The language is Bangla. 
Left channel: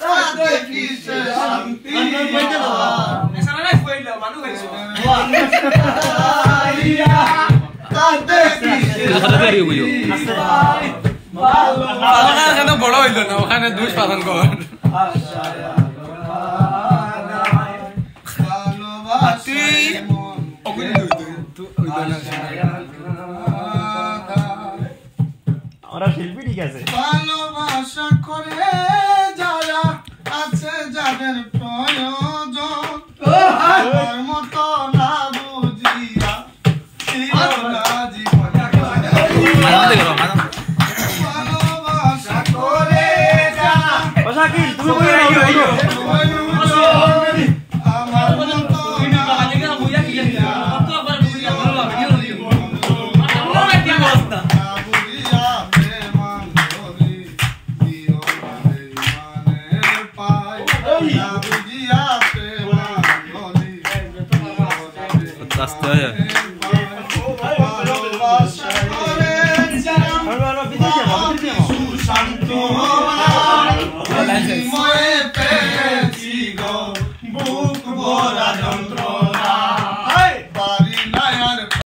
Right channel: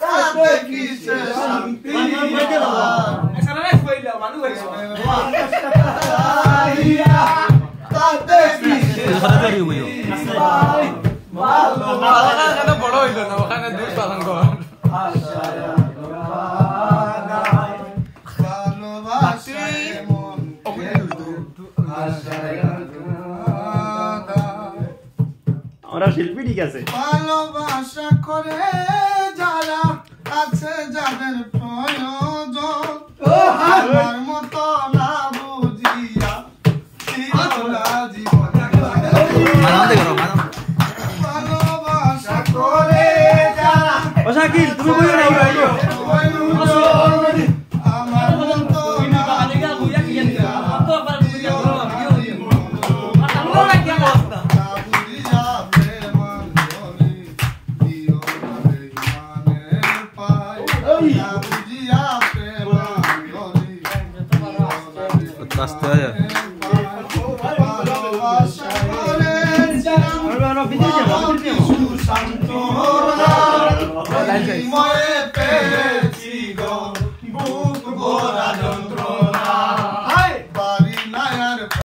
তাতে কিসে শান্তি তাতে কিসে বড় হইল না ওখানে দুই সাধন কর আমরা শিল্পী ঠিক আছে ভালোবাসা করে যারা আছে যাদের প্রয়োজন আমার মতো না বুঝিয়া ভালোবাসা করে যারা শাকিল তুমি কই আইও আমার মতো না আস্তে আয় শান্ত